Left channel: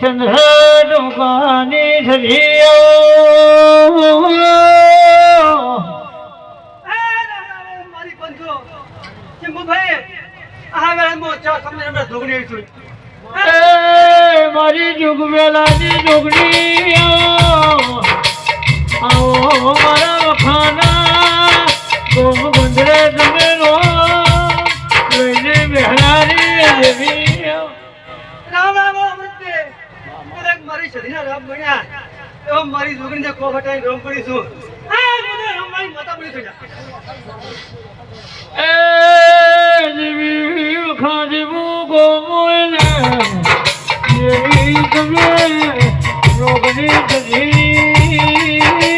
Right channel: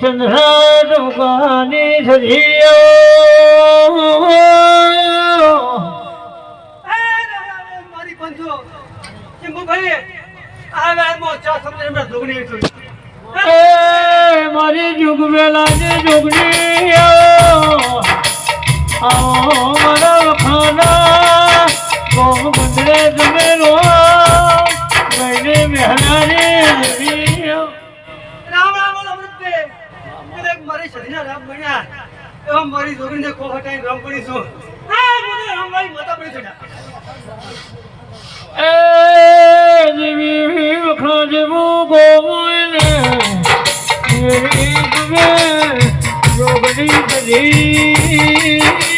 ચંદ્ર દુકાની ધરીઓ મારી બંધો ચંગુ ભાઈ આ વેળામાં ચા સમય મેં ધોગણી છું મારી જુગ વેલાની જોગણી આવો મારા વખાના કોમ બંદરે તમે રો લઈને બેહરાની દેવી રામ રામ અમૃતે એક મારી શરીરના રામ બન્યા એવા મારી જોગણીને કો હટાઈ રામ પડી છું આ મને અમારી માતા પડી છું એ દેવી વખા દેવું ગોમોને દેવી તમે જોગણી ધરી